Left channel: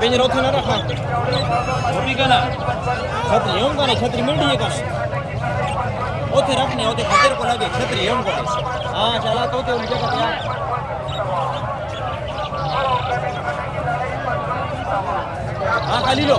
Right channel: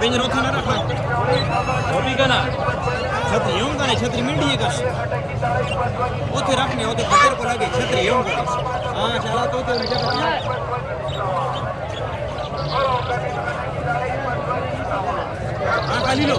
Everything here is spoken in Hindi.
बेंजर होती ना रखा होती का ना छतरी यूं का नहीं छतरी मिल रही है कुछ होते रखने होते खतर को लगे छतरी यूं का हाँ चला तो मुझे पता हाँ खाली लो